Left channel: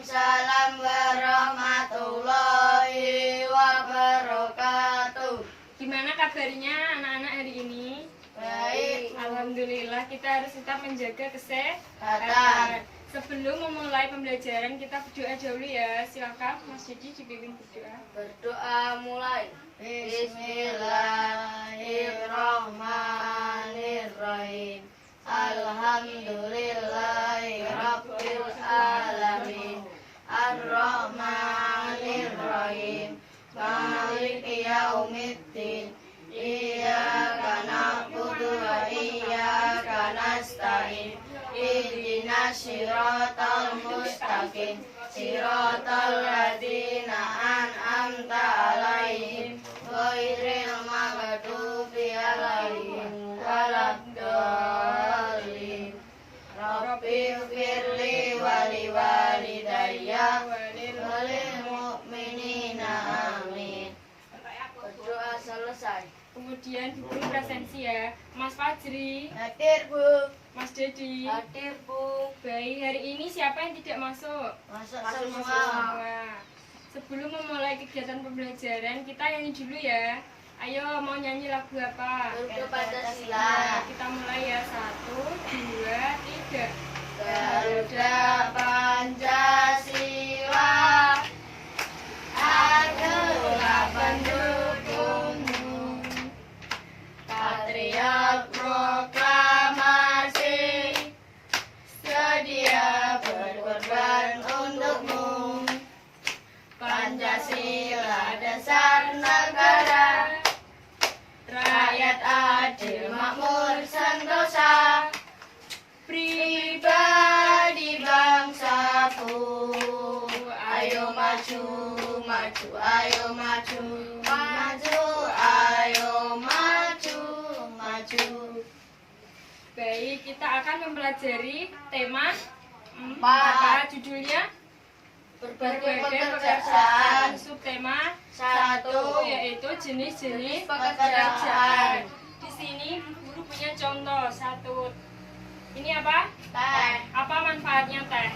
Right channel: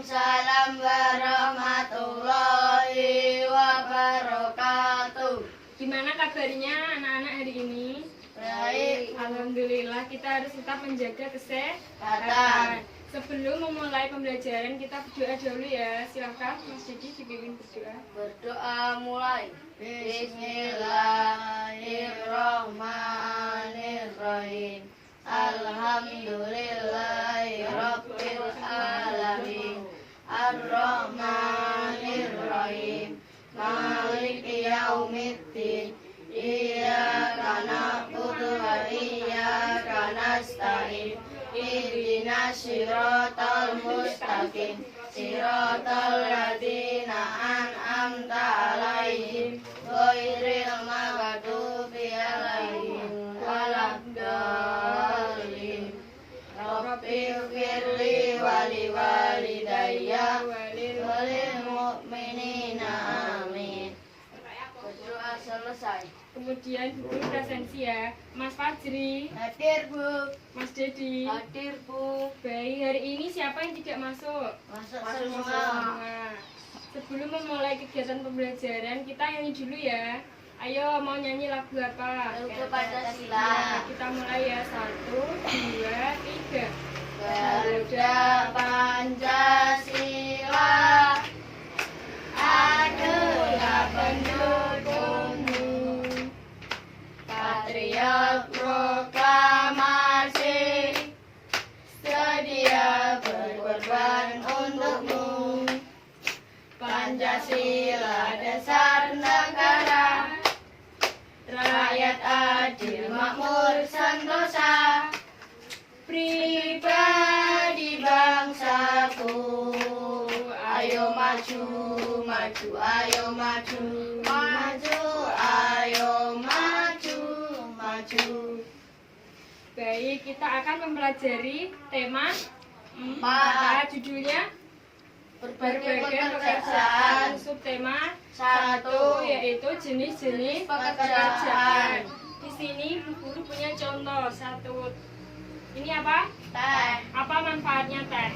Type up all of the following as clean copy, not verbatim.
Waalaikumsalam warahmatullahi wabarakatuh. Gimana kabarnya anak-anak hari ini? Baik. Alhamdulillah, kita harus tetap menjaga kesehatan. Sebelum memulai pembelajaran kita berdoa dulu ya. Silakan Mas Dedi dipimpin berdoa. Berdoa mulai. Bismillahirrahmanirrahim. Alhamdulillahirabbil alamin. Ar-Rahmanirrahim. Maliki yaumiddin. Iyyaka na'budu wa iyyaka nasta'in. Ihdinas siratal mustaqim. Siratal ladzina an'amta 'alaihim ghairil maghdubi 'alaihim waladdallin. Rabbighfirli wa liwalidayya wa lil mu'minina amin. Berdoa selesai. Kemudian Bu Guru presensi ya. Mas Fajri, Hadir, Bu. Mas Dedi. Hadir, Bu. Baik, hari ini siapa yang tidak masuk? Masuk Semua. semua. Sebelum memulai kegiatan pembelajaran, kita nyanyi dulu ya. Ayo, mau nyanyi lagu apa? Untuk Pancasila. Nah, kita mulai ya. 1, 2, 3. Garuda Pancasila adalah pendukungmu, patriot proklamasi, sedia berkorban untukmu. Pancasila dasar negara, rakyat adil makmur sentosa, pribadi bangsaku. Ayo maju, maju, ayo maju, maju, ayo maju, maju. Baik, kita akan mempelajari tema 4. Empat. Judulnya Berbagai pekerjaan. Subtema 1 yaitu jenis-jenis pekerjaan. Di sini Bu Guru punya contoh 1. Ini apa? Teh. Apa manfaatnya teh?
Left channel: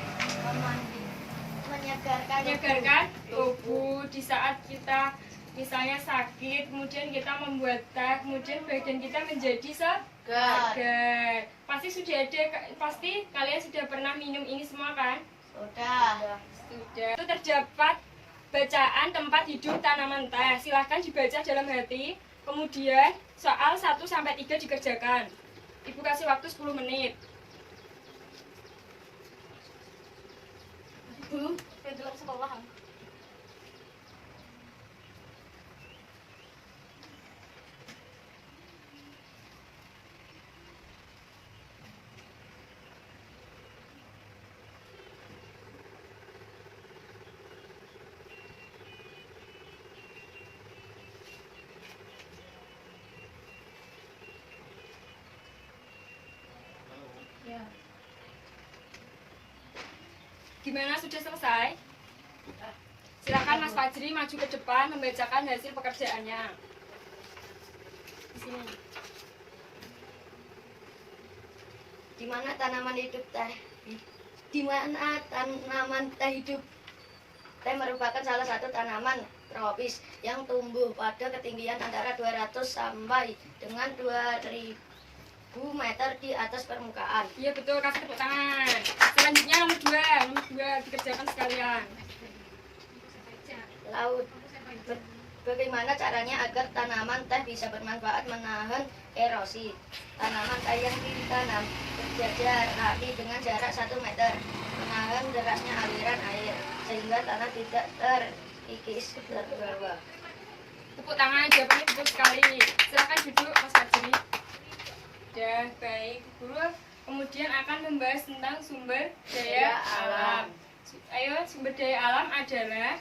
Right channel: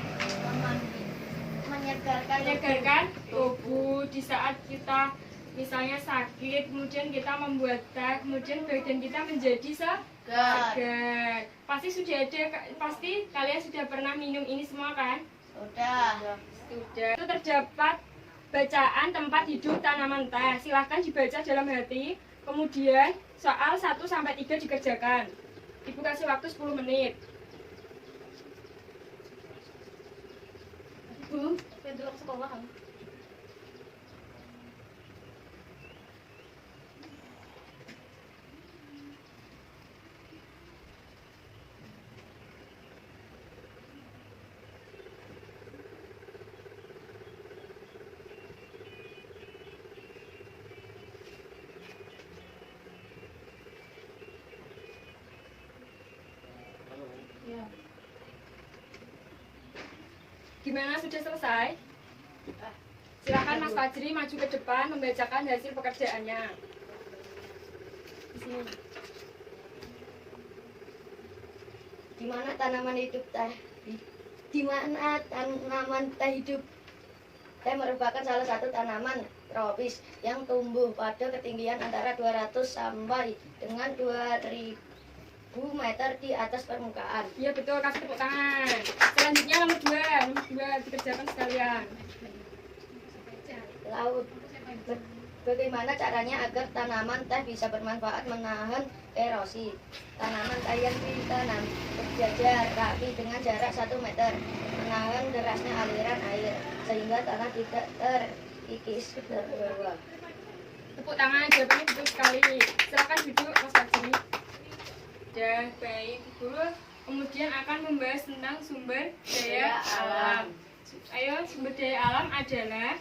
Menyegarkan tubuh di saat kita misalnya sakit, kemudian kita membuat teh, kemudian badan kita menjadi segar. Pasti kalian sudah pernah minum ini semua kan? Sudah. Sudah. Itu terdapat bacaan tempat hidup tanaman teh. Silahkan dibaca dalam hati. Kemudian soal 1 sampai 3 dikerjakan. Ibu kasih waktu 10 menit. Bu, dulu sekolah. Gimana, sudah selesai? Silakan Mas Fajri maju ke depan membacakan hasil pekerjaannya. Di sini. Di mana tanaman hidup teh? Di mana tanaman teh hidup? Teh merupakan salah satu tanaman tropis yang tumbuh pada ketinggian antara 200 sampai dengan 2000 meter di atas permukaan. Iya betul, kasih tepuk tangan. Selanjutnya nomor 2 dikerjakan sekalian. Laut. Bagaimana caranya agar tanaman teh bisa bermanfaat menahan erosi? Tanaman teh yang ditanam berjajar rapi dengan jarak 1 meter, menahan derasnya aliran air sehingga tanah tidak terkikis terbawa. Tepuk tangan, jawabannya betul sekali. Silakan duduk Mas Fajri. Ya, baik Bu Guru. Kemudian akan membahas tentang sumber daya alam. Ayo, sumber daya alam adalah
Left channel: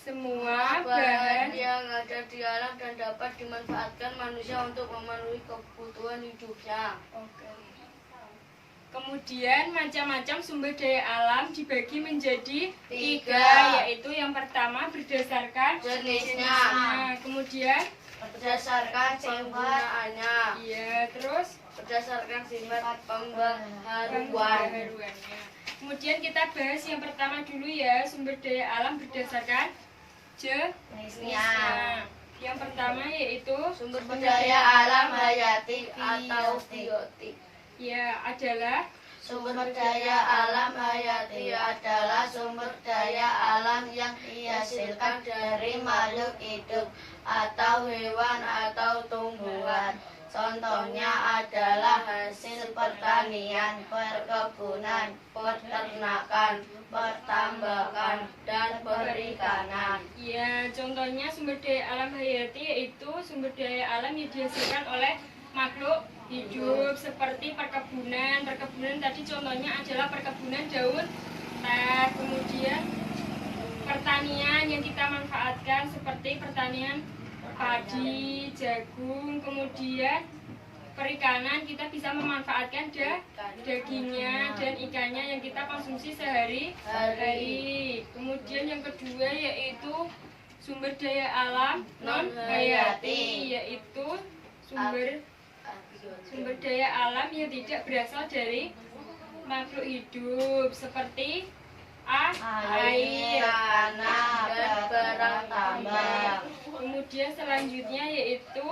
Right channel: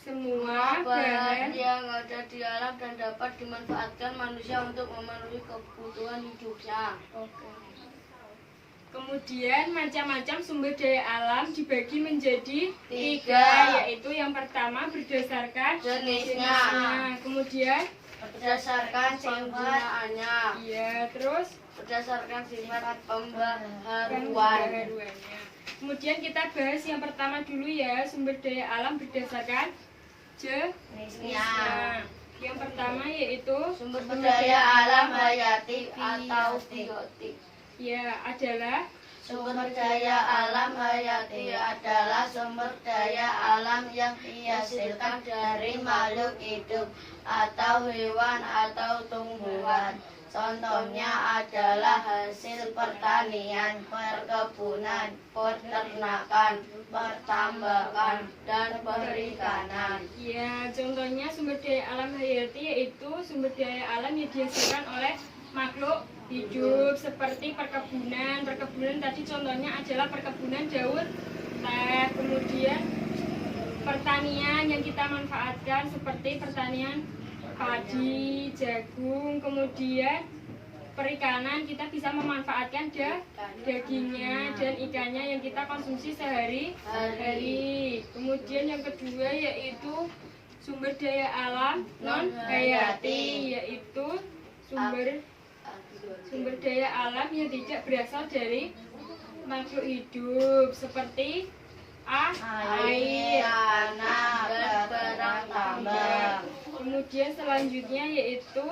semua bahan yang ada di alam dan dapat dimanfaatkan manusia untuk memenuhi kebutuhan hidupnya. Oke. Kemudian macam-macam sumber daya alam dibagi menjadi 3, yaitu yang pertama berdasarkan Jenisnya. Kemudian Berdasarkan penggunaannya. iya, terus Berdasarkan sifat pembaharuan. pembaharuannya. Kemudian kita bahas yang pertama dulu ya, sumber daya alam berdasarkan jenisnya. Yang pertama yaitu Sumber daya alam hayati atau biotik. ya adalah Sumber daya alam hayati adalah sumber daya alam yang dihasilkan dari makhluk hidup atau hewan atau tumbuhan. Contohnya adalah hasil pertanian, perkebunan, peternakan, pertambangan, dan perikanan. ya contohnya sumber daya alam hayati yaitu sumber daya alam yang dihasilkan oleh makhluk hidup seperti perkebunan. Perkebunan tadi contohnya adalah perkebunan daun teh. Kemudian pertanian yang kita manfaatkan seperti pertanian padi, jagung. Kemudian perikanan kita bisa memanfaatkan dagingnya dan ikannya yang kita konsumsi sehari-hari. Kemudian yang kedua yaitu sumber daya alam non hayati, yaitu sumber daya alam yang tidak berasal dari makhluk hidup seperti air, tanah, dan barang tambang. Kemudian selanjutnya yaitu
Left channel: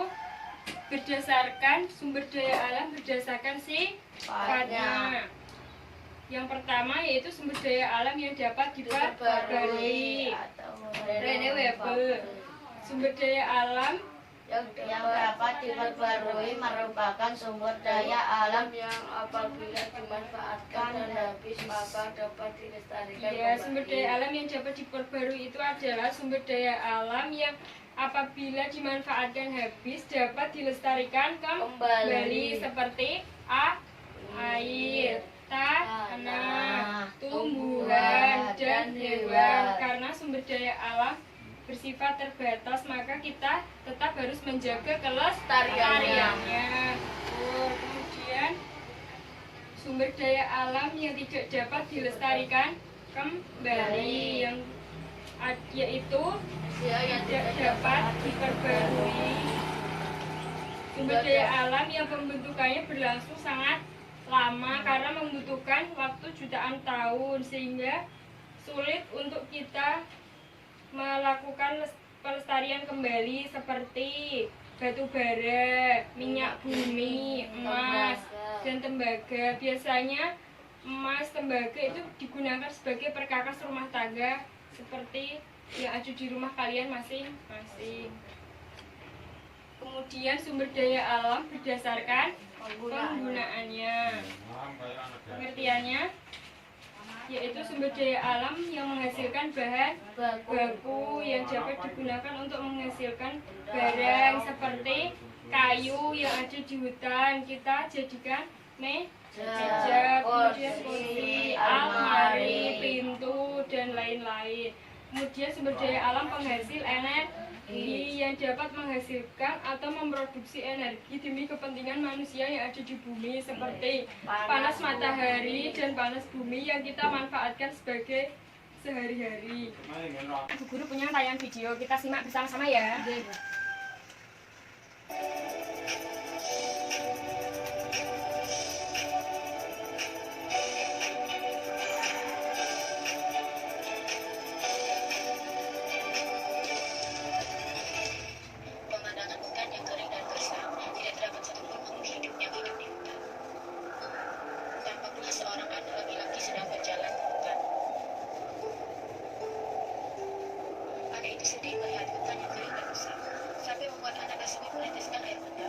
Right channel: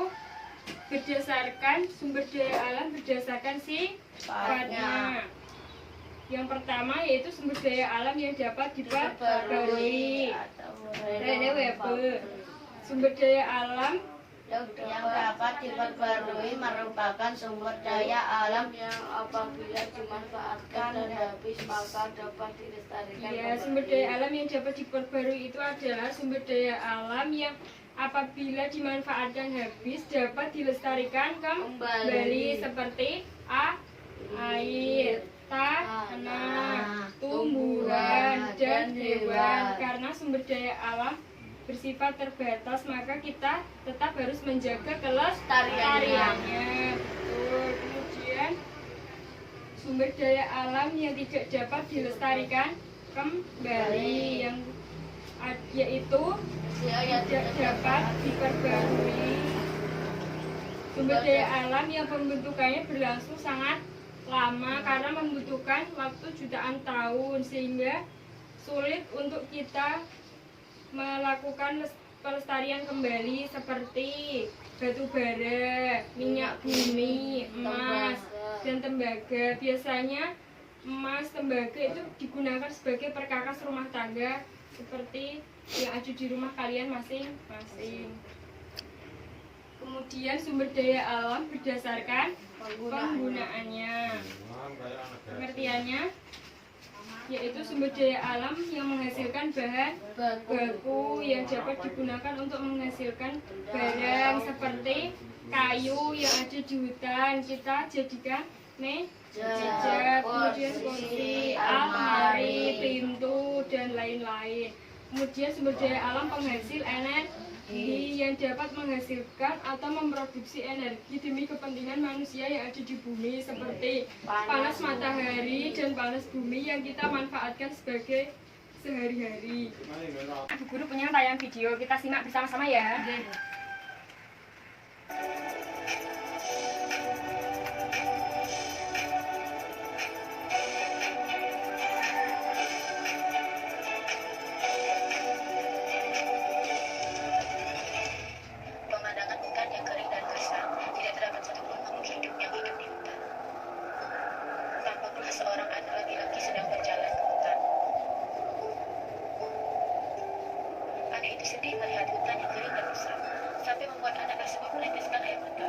berdasarkan sumber daya alam berdasarkan sifatnya. Yang pertama yaitu sumber daya alam yang dapat diperbarui. Rene Weber. Sumber daya alam yang dapat diperbarui merupakan sumber daya alam yang apabila dimanfaatkan dan habis maka dapat dilestarikan. ya, sumber daya alam yang dapat diperbarui itu adalah sumber daya alam yang apabila dimanfaatkan habis dapat dilestarikan kembali seperti air, tanah, tumbuhan, dan hewan. Karena sumber daya alam bersifat terbatas, maka kita tetap harus menjaga kelestariannya. Kemudian sumber daya alam yang tidak dapat dilestarikan kembali yaitu tidak dapat diperbarui. Sumber daya alam yang pembentukannya berlangsung sangat lama karena membutuhkan waktu jutaan tahun, sehingga sulit untuk kita melakukan pelestarian kembali seperti batu bara, minyak bumi, emas, dan tembaga. Biasanya emas, tembaga itu digunakan sebagai perkakas rumah tangga seperti yang ada di rumah kalian masing-masing. Kemudian sumber daya alam berdasarkan penggunaannya. Pengertiannya yaitu sumber daya alam yang menghasilkan bahan baku yang dapat digunakan untuk menghasilkan barang seperti kayu yang ada di hutan kita jadikan meja, kemudian kursi, almari, pintu, dan lain-lain. Kemudian sumber daya alam penghasil energi yang dapat menghasilkan atau memproduksi energi demi kepentingan manusia yang ada di bumi seperti panas matahari dan panas bumi yang kita manfaatkan sebagai sehari-hari. Bu Guru punya tayangan video, kita simak bersama-sama ya. Pemandangan hutan yang kering dan gersang, tidak terdapat satupun makhluk hidup yang hidup di hutan. Tampaklah seorang anak laki-laki sedang berjalan ke hutan. Anak itu sedih melihat hutan yang kering dan gersang, sampai membuat anak tersebut meneteskan air mata.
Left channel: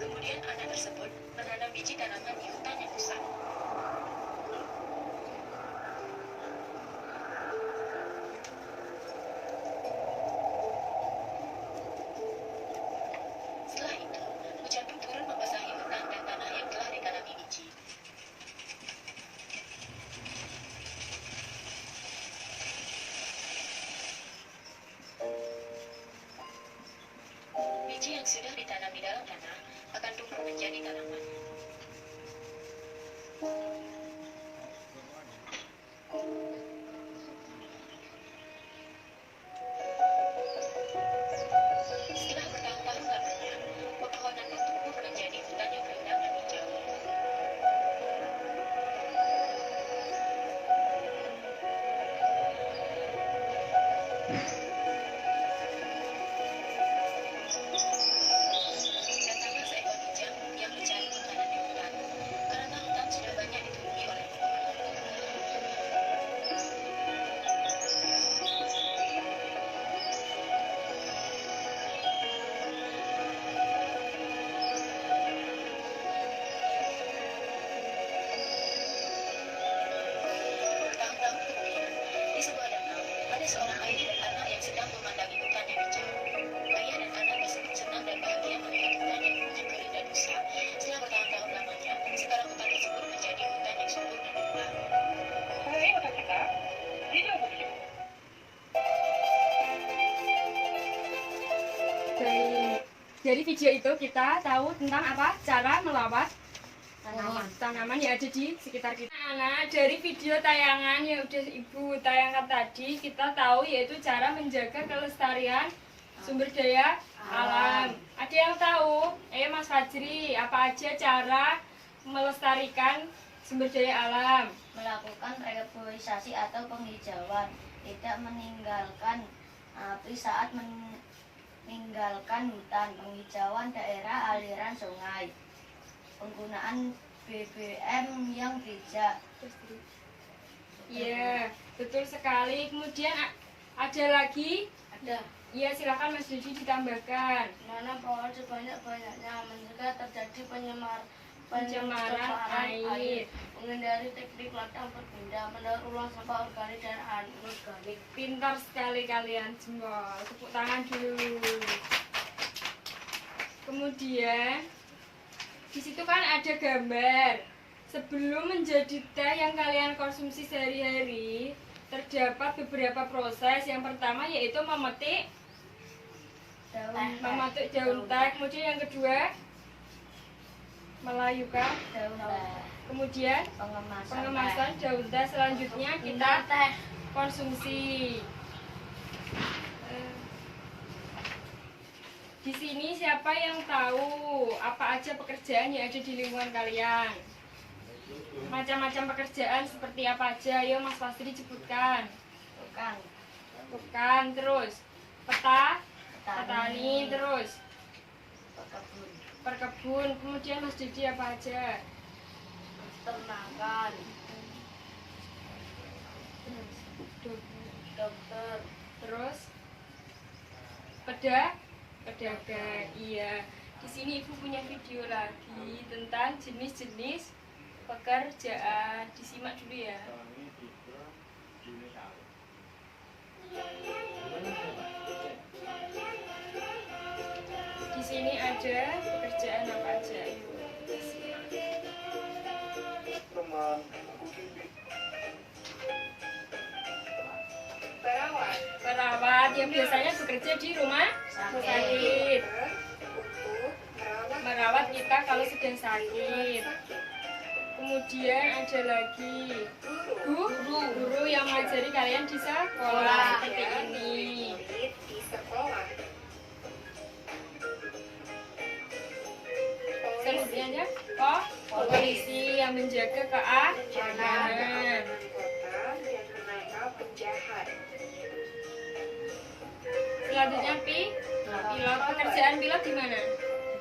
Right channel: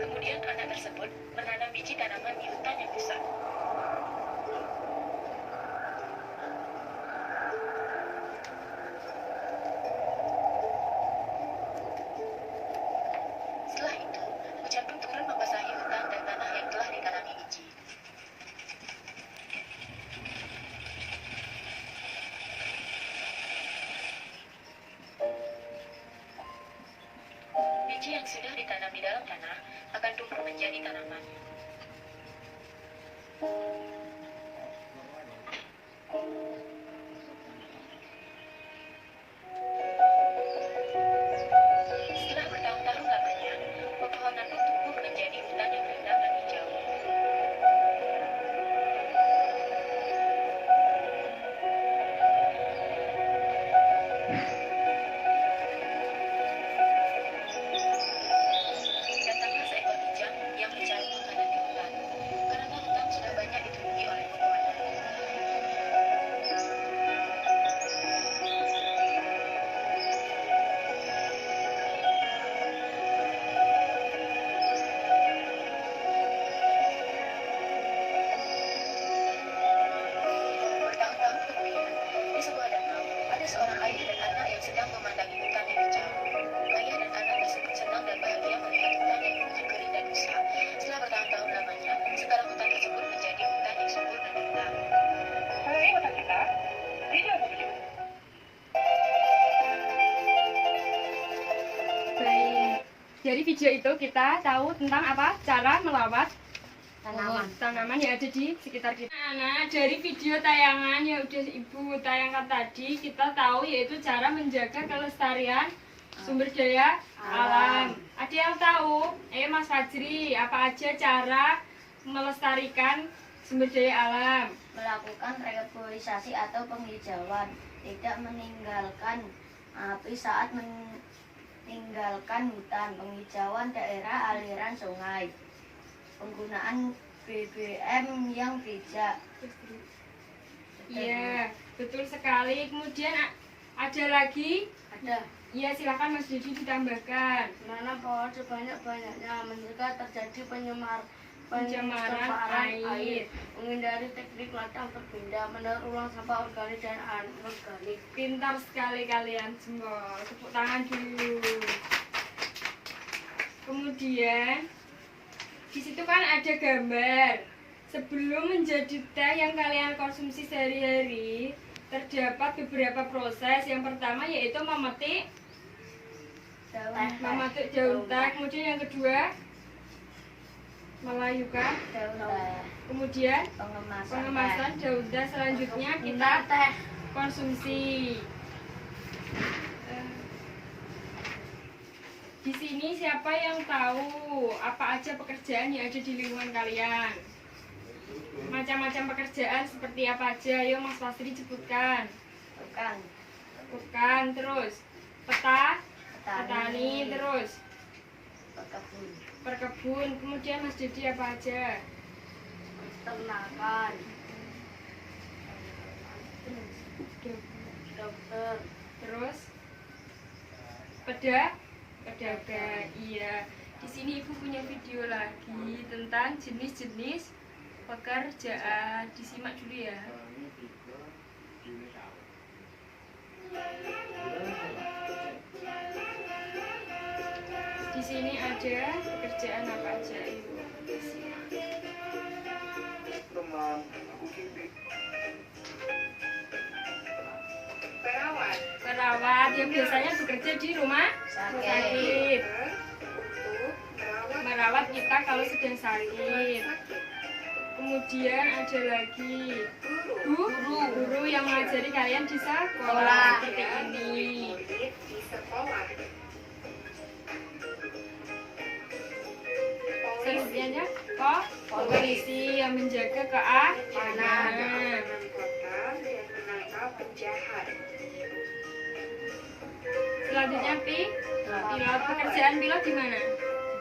Kemudian anak tersebut menanam biji tanaman di hutan yang gersang. Setelah itu, hujan pun turun membasahi hutan dan tanah yang telah ditanami biji. Biji yang sudah ditanam di dalam tanah akan tumbuh menjadi tanaman. Setelah bertahun-tahun lamanya, pepohonan pun tumbuh menjadi hutan yang rindang dan hijau. Dari video itu kita tahu tentang apa? Cara melawat Tanaman. yang ada di sekitar kita. Nah, dari video tayangan yang udah Ibu tayangkan tadi, kita tahu yaitu cara menjaga kelestarian sumber daya alam. Ada yang tahu? Mas Fajri, apa aja cara melestarikan sumber daya alam? Melakukan reforestasi atau penghijauan, tidak meninggalkan api saat meninggalkan hutan, penghijauan daerah aliran sungai, penggunaan BBM yang bijak. Iya, betul sekali. Kemudian ada lagi? Ada Iya, silakan Mas Didi ditambahkan. menanam pohon sebanyak-banyaknya, mencegah terjadi Pencemaran air. menghindari teknik ladang berpindah, mendaur ulang sampah organik dan anorganik. Pintar sekali kalian semua. Tepuk tangan dulu. Kemudian di situ kan ada gambar. Sebelum menjadi teh yang kalian konsumsi sehari-hari, terdapat beberapa proses. Yang pertama yaitu memetik daun teh. Kemudian yang kedua melayukan. Daun teh, Kemudian pengemasan daun teh. Selanjutnya kita teh. konsumsi. Di sini siapa yang tahu apa aja pekerjaan yang ada di lingkungan kalian? Macam-macam pekerjaan seperti apa aja? Ayo Mas Fastri sebutkan. Bukan, terus petani, terus perkebun. Kemudian Mas Didi apa aja? Peternakan, dokter, Terus pedagang. Iya. Di sini Ibu punya video lagi tentang jenis-jenis pekerjaan. Disimak dulu ya. Di sini ada pekerjaan apa aja, Ibu. Simak. Perawat yang biasanya bekerja di rumah sakit. Merawat kita kalau sedang sakit. Kemudian ada lagi guru yang mengajari kalian di sekolah seperti ini. Selanjutnya polisi yang menjaga keamanan. Selanjutnya pilot. Pekerjaan pilot di mana?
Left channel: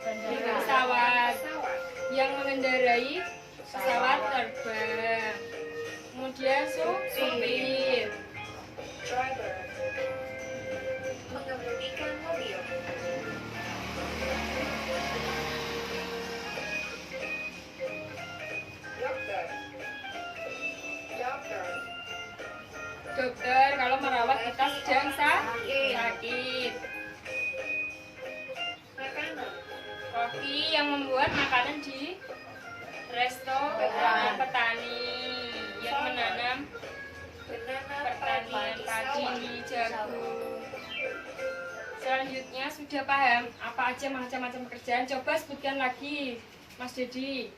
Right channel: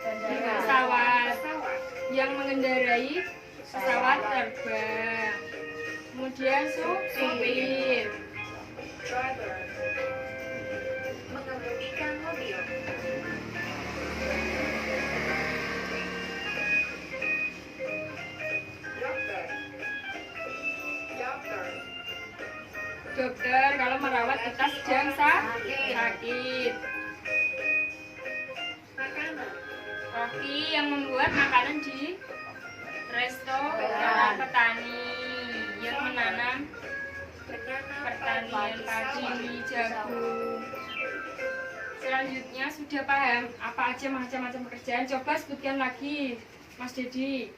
Di pesawat. Yang mengendarai pesawat terbang. Kemudian supir. Mengemudikan mobil. Dokter kalau merawat kita sedang sakit. Makanan. Koki yang membuat makanan di restoran. Petani yang menanam pertanian padi, jagung. Selanjutnya sudah paham apa aja macam-macam pekerjaan? Coba sebutkan lagi, Mas Dedi.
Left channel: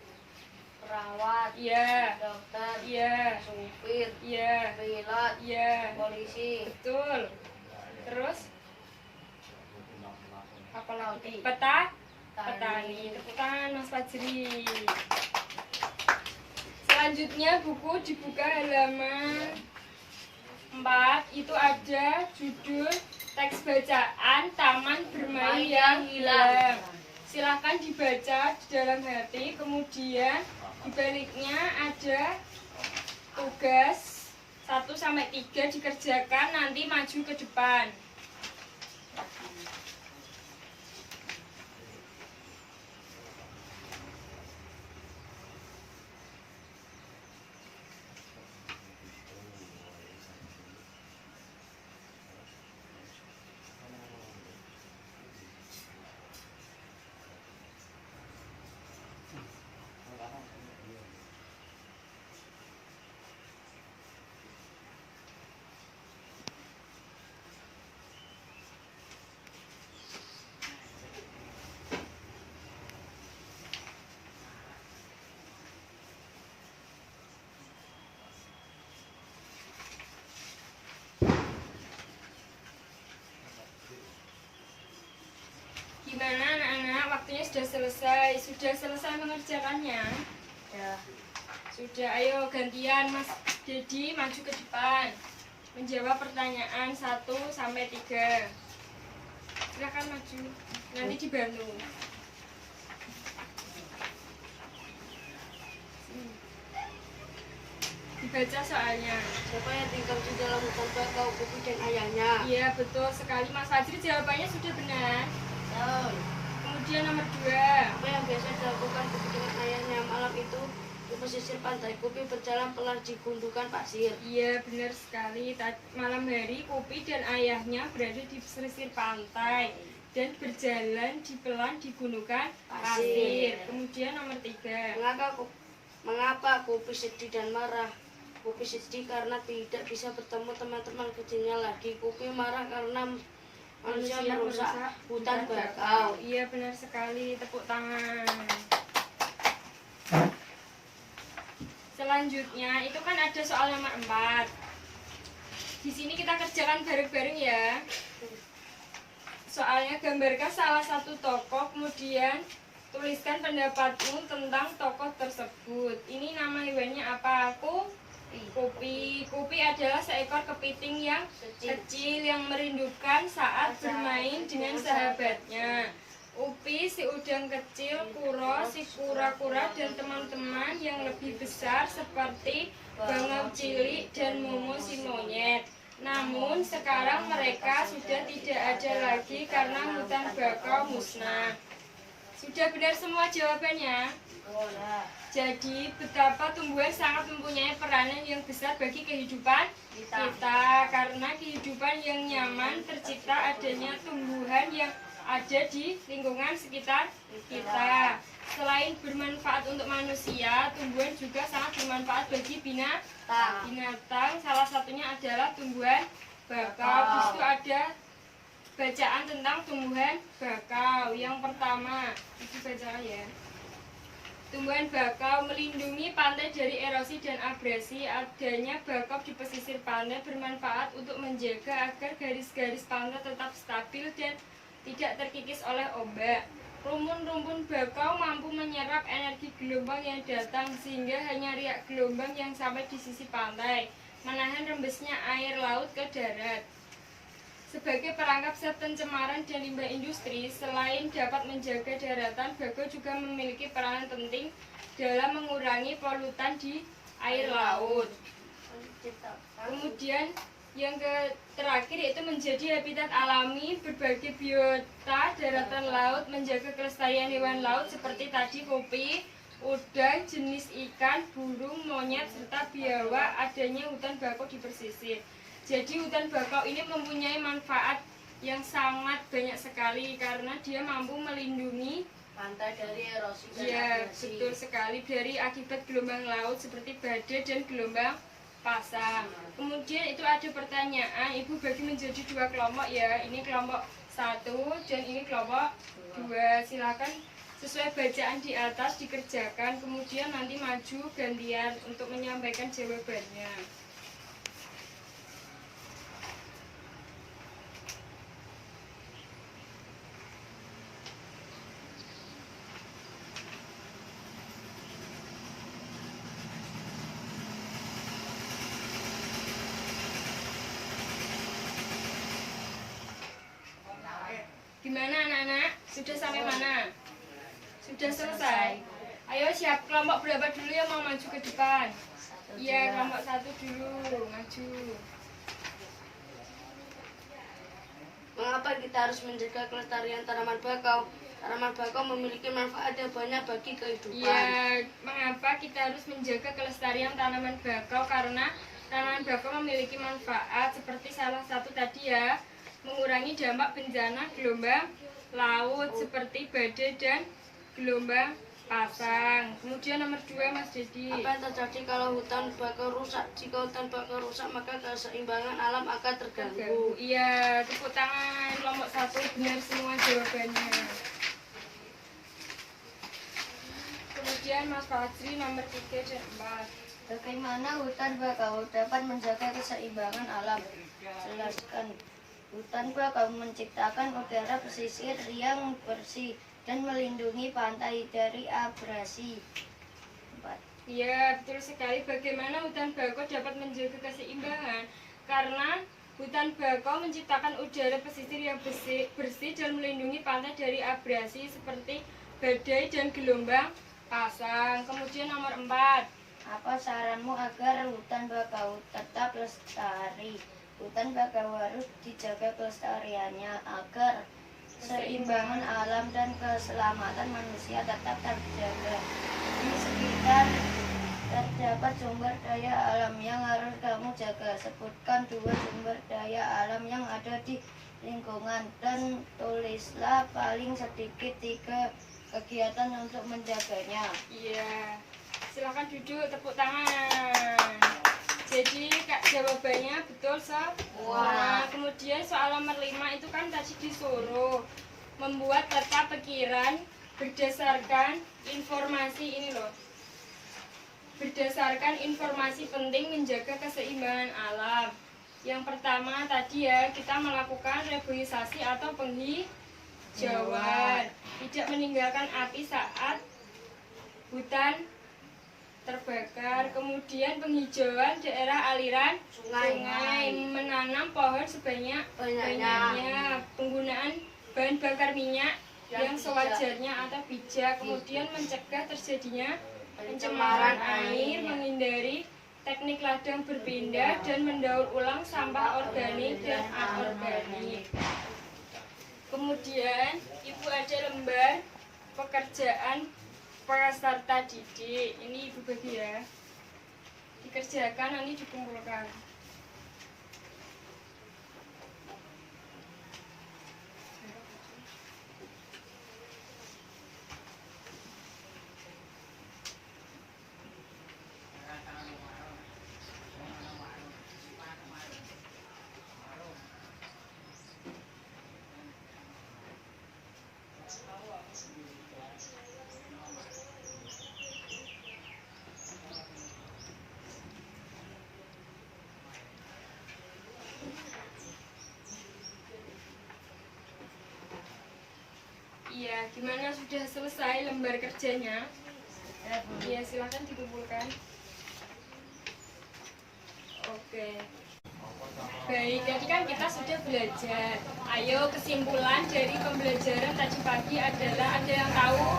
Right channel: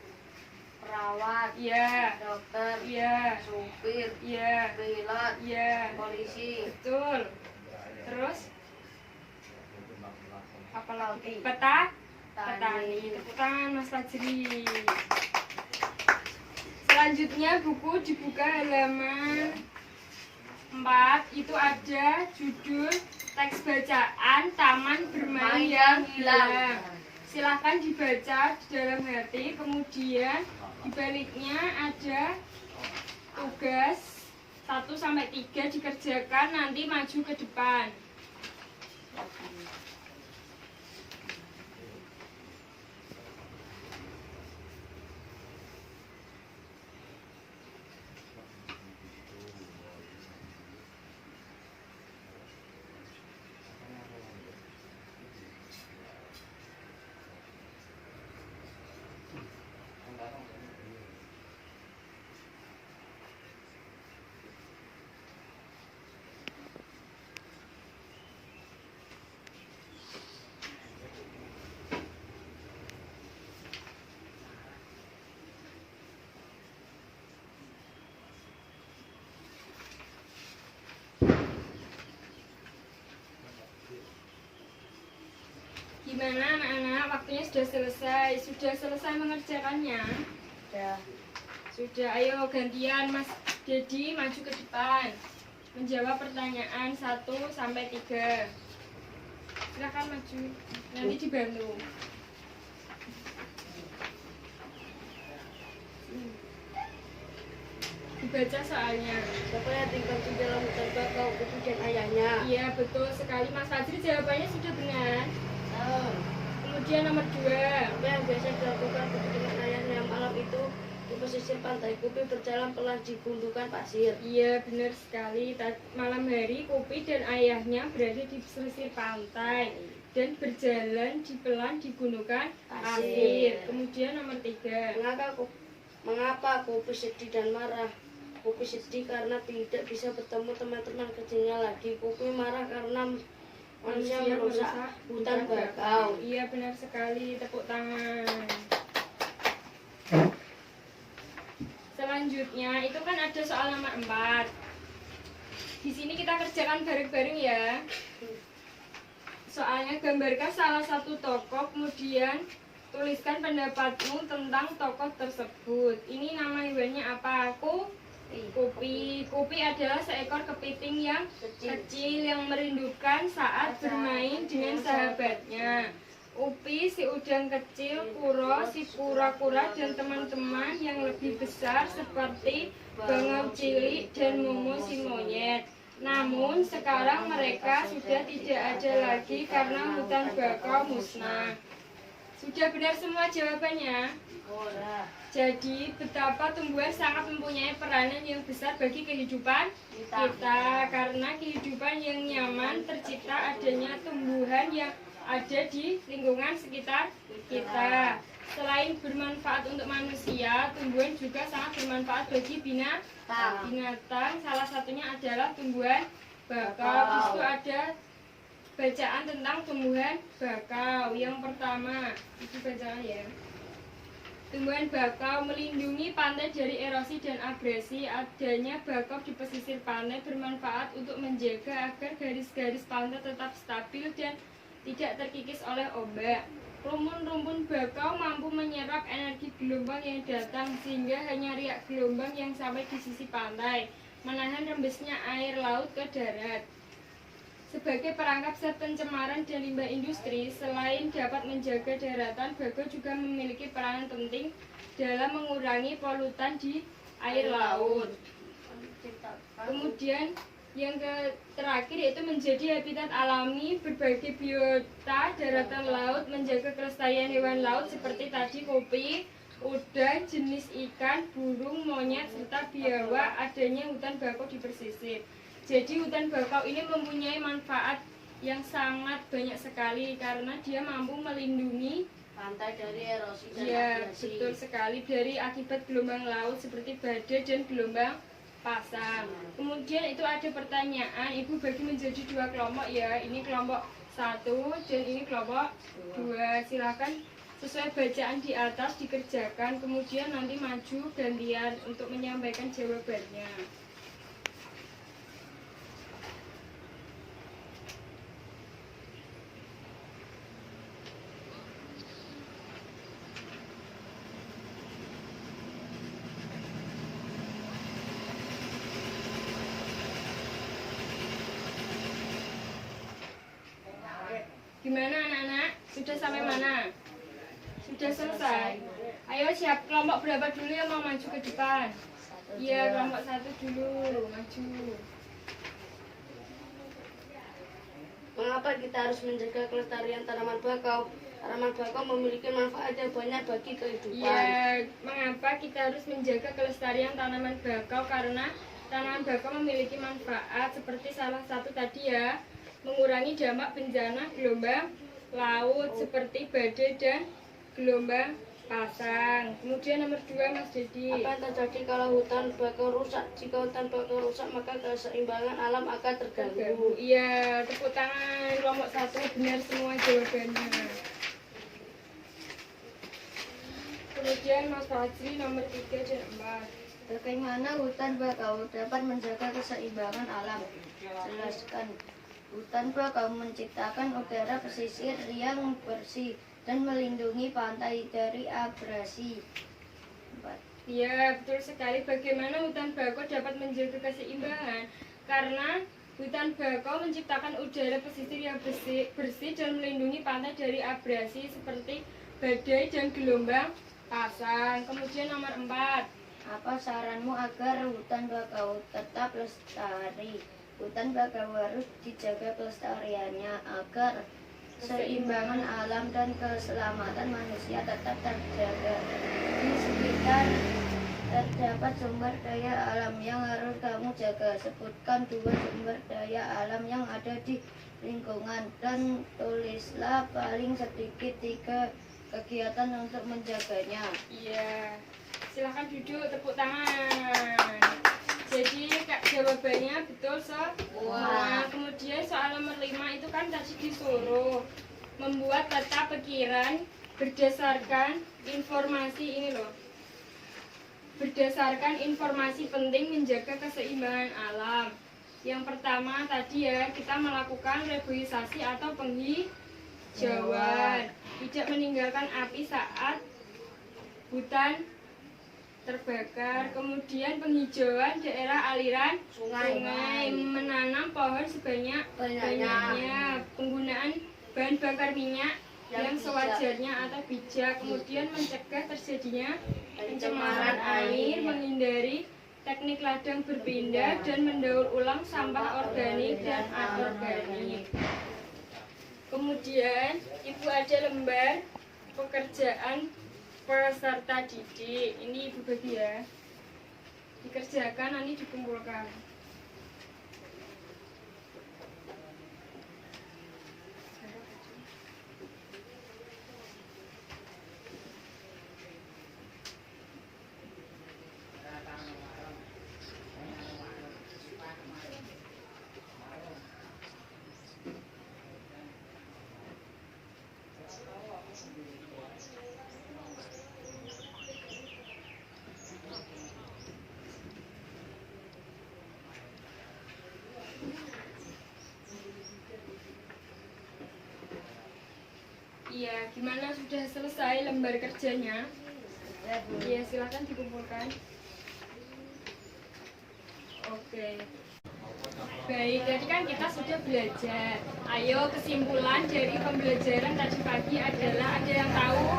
perawat, Iya, dokter, iya, supir, iya, pilot, iya. polisi, Betul. Terus apa lagi? Petani. Petani. Tepuk tangan Mas Fajri. Selanjutnya buku dibuka halaman 4. Itu ada judul teks bacaan Taman Bermain yang Hilang. Silahkan dibaca di dalam hati. Kemudian di baliknya ada tugas 1-3 dikerjakan, nanti maju ke depan. Gimana anak-anak? Waktunya sudah selesai. Sudah selesai mengerjakannya? Ya. Sudah, ayo gantian Mas Dedi maju ke depan. Menjawab pertanyaan 1 sampai 3. Silakan maju. Nanti dibantu. Dibaca soalnya. Siapa yang tinggal di dalam hutan bakau, Kupi dan ayahnya? Iya, betul sekali Mas Fajri, jawabannya sudah benar. Kemudian nomor 2. Apa yang biasa dilakukan Kupi dengan ayahnya malam itu di pesisir pantai? Kupi berjalan pelan di gundukan pasir. Iya, benar sekali. Malam hari Kupi dan ayahnya berada di pesisir pantai dan berjalan di pelan di gundukan pasir. Kemudian nomor 3. Mengapa Kupi sedih dan marah? Kupi sedih karena tidak bisa bertemu teman-teman kecilnya lagi. Kupi marah karena manusia merusak hutan bakau. Iya, benar sekali. Tepuk tangan. Selanjutnya itu kan ada soal nomor 4. Di sini kita kerjakan bareng-bareng ya. Soalnya gambarkan salah satu tokoh, kemudian tuliskan pendapatmu tentang tokoh tersebut. Ini nama hewannya apa? Kupi. Kupi adalah seekor kepiting yang kecil yang merindukan saat bermain dengan sahabatnya. Upi, si udang kecil, Kuro, si kura-kura, dan teman-teman yang lebih besar seperti bangau cilik dan Momo si monyet. Namun sekarang mereka sudah tidak ada lagi karena hutan bakau musnah. Sudah benar semua jawabannya? Jadi betapa tumbuhan sangat mempunyai peranan yang besar bagi kehidupan kita. Karena kehidupan yang nyaman tercipta adanya tumbuhan yang ada di lingkungan sekitar kita. Selain bermanfaat untuk manusia, tumbuhan juga sangat bermanfaat bagi binatang. Salah satunya adalah tumbuhan bakau. Di situ ada bacaan tentang tumbuhan bakau. Yang pertama, itu bacaan ya. Tumbuhan bakau melindungi pantai dari erosi dan abrasi. Adanya bakau di pesisir pantai bermanfaat untuk menjaga agar garis-garis pantai tetap stabil dan tidak terkikis oleh ombak. Rumpun-rumpun bakau mampu menyerap energi gelombang yang datang sehingga hanya riak gelombang yang sampai di sisi pantai, menahan rembesnya air laut ke darat. Sebagai perangkap zat pencemaran dan limbah industri, selain dapat menjaga daratan, bakau juga memiliki peranan penting dalam mengurangi polutan di air laut. Kemudian yang terakhir yaitu menjadi habitat alami berbagai biota daratan laut, menjaga kelestarian hewan laut seperti tadi kopi, udang, jenis ikan, burung, monyet, serta biawak. Adanya hutan bakau di pesisir. Jadi hutan bakau ini mempunyai manfaat yang sangat banyak sekali karena dia mampu melindungi Pantai dari erosi dan ya, abrasi. betul sekali, dari akibat gelombang laut seperti badai dan gelombang pasang. Kemudian itu ada pertanyaan, Ibu bagi menjadi 2 kelompok ya. Ini kelompok 1 dan ini kelompok 2. Silakan sesuai bacaan di atas dikerjakan, kemudian nanti maju gantian untuk menyampaikan jawabannya. Gimana anak-anak? Sudah sampai mana? Sudah selesai? Ayo siap, kelompok berapa dulu yang mau maju ke depan? Iya, kelompok 1 dulu, maju. Mengapa kita harus menjaga kelestarian tanaman bakau? Tanaman bakau memiliki manfaat yang banyak bagi kehidupan. Iya, mengapa kita harus menjaga kelestarian tanaman bakau? Karena tanaman bakau memiliki manfaat seperti salah satu tadi ya, mengurangi dampak bencana gelombang laut seperti badai dan gelombang pasang. Kemudian nomor 2 Mas Dedi. Apa yang terjadi kalau hutan bakau rusak? Jika hutan bakau rusak, maka keseimbangan alam akan terganggu. Iya, tepuk tangan kelompok 1, benar semua jawabannya. Kemudian Mas Fajri nomor 3 dan 4. Bagaimana hutan bakau dapat menjaga keseimbangan alam? Jelaskan. Hutan bakau menciptakan udara pesisir yang bersih dan melindungi pantai dari abrasi. 4. Ya, betul sekali. Bagaimana hutan bakau dapat menjaga keseimbangan? Karena hutan bakau menciptakan udara pesisir yang bersih dan melindungi pantai dari abrasi seperti badai dan gelombang pasang. Kemudian nomor 4. Apa saranmu agar hutan bakau tetap lestari? Hutan bakau harus dijaga kelestariannya agar keseimbangan alam dan keselamatan manusia tetap terjaga. Di sekitar terdapat sumber daya alam yang harus kamu jaga. Sebutkan 2 sumber daya alam yang ada di lingkungan dan tulislah paling sedikit 3 kegiatan untuk menjaganya. Iya. Silakan duduk, tepuk tangan. Jadi jawabannya betul semua. Kemudian soal nomor 5 itu kan tadi disuruh membuat peta pikiran berdasarkan informasi ini loh. Berdasarkan informasi penting menjaga keseimbangan alam. Yang pertama tadi ya, kita melakukan reboisasi atau penghijauan. Tidak meninggalkan api saat hutan terbakar. Kemudian penghijauan daerah aliran sungai, menanam pohon sebanyak-banyaknya, penggunaan bahan bakar minyak yang sewajarnya atau bijak, kemudian mencegah terjadinya pencemaran air, menghindari teknik ladang berpindah, dan mendaur ulang sampah organik dan anorganik. Kemudian Ibu ada lembar pekerjaan peserta didik. Ini Ibu bagi ya. Dikerjakan, nanti dikumpulkan. Iya, gimana sudah selesai lembar kerjanya? Iya, silakan dikumpulkan. Oke. Baik, jadi kan kita sudah belajar. Ayo, kesimpulan dari pembelajaran tadi pagi adalah, ada yang tahu?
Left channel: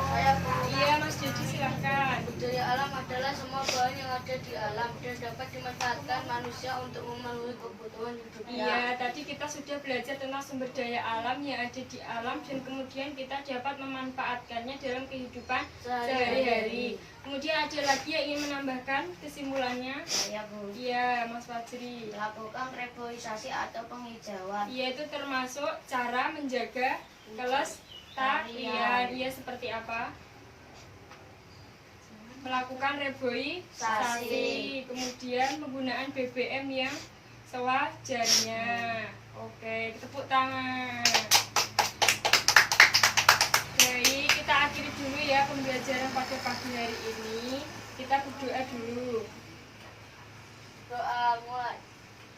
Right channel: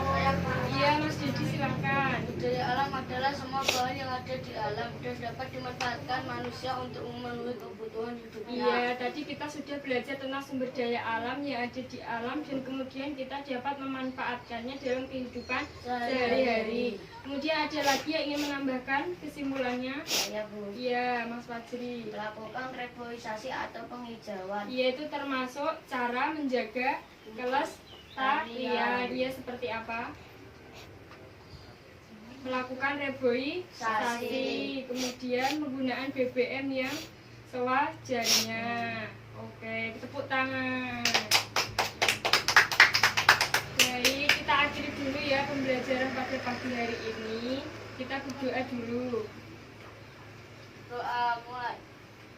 Iya, Mas Dedi, silahkan. Budaya alam adalah semua bahan yang ada di alam dan dapat dimanfaatkan manusia untuk memenuhi kebutuhan hidupnya. Iya, tadi kita sudah belajar tentang sumber daya alam yang ada di alam dan kemudian kita dapat memanfaatkannya dalam kehidupan sehari-hari. Kemudian ada lagi yang ingin menambahkan kesimpulannya? Ya, Bu. Iya, Mas Fajri. Lakukan reboisasi atau penghijauan. Iya, itu termasuk cara menjaga kelestarian. Iya, seperti apa? Melakukan reboisasi, kemudian penggunaan BBM yang sewajarnya. Oke, tepuk tangan. Baik, kita akhiri dulu ya pembelajaran pada pagi hari ini. Kita berdoa dulu. Doa mulai.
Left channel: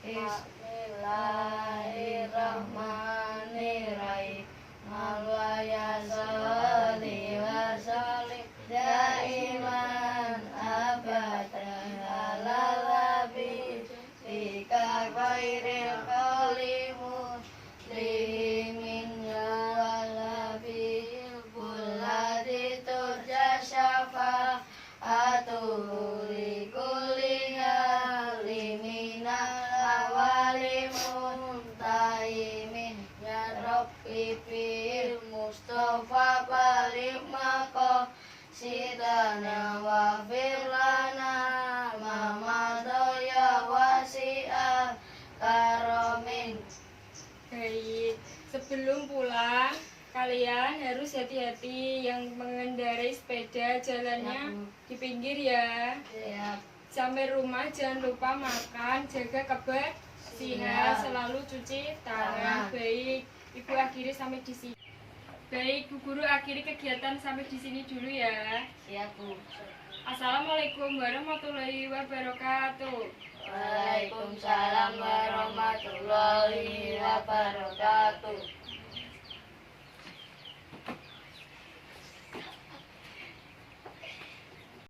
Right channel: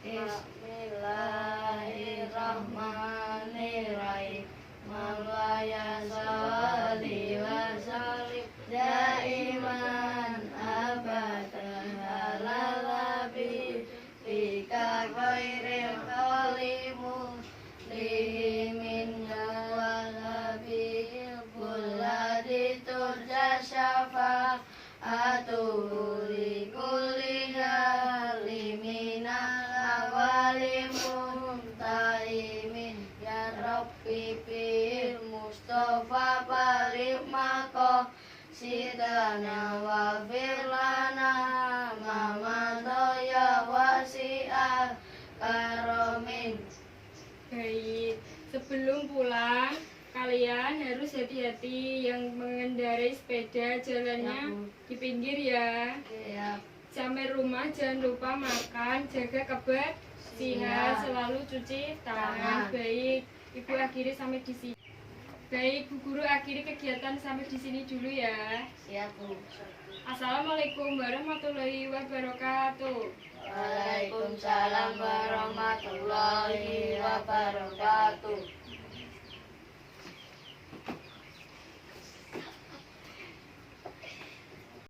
Bismillahirrahmanirrahim. Mawaya sholli wa sallim daiman abadan ala nabi bika khairil khalimun limin ya nabi kuladi turja syafa atuli kuliya liminal awalimun taimin ya rabbi bil mustafa balik mako sidana wa firlana mama doya wasi'ah karomin. Baik, sebelum pulang kalian harus hati-hati yang mengendarai sepeda, jalannya di pinggir ya. Ya. Sampai rumah jangan lupa makan, jaga kebersihan, selalu cuci tangan. Baik, Ibu akhiri sampai di sini. Baik, Bu Guru akhiri kegiatan sampai di sini dulu ya. Siap, Bu. Assalamualaikum warahmatullahi wabarakatuh. Waalaikumsalam warahmatullahi wabarakatuh. wabarakatuh.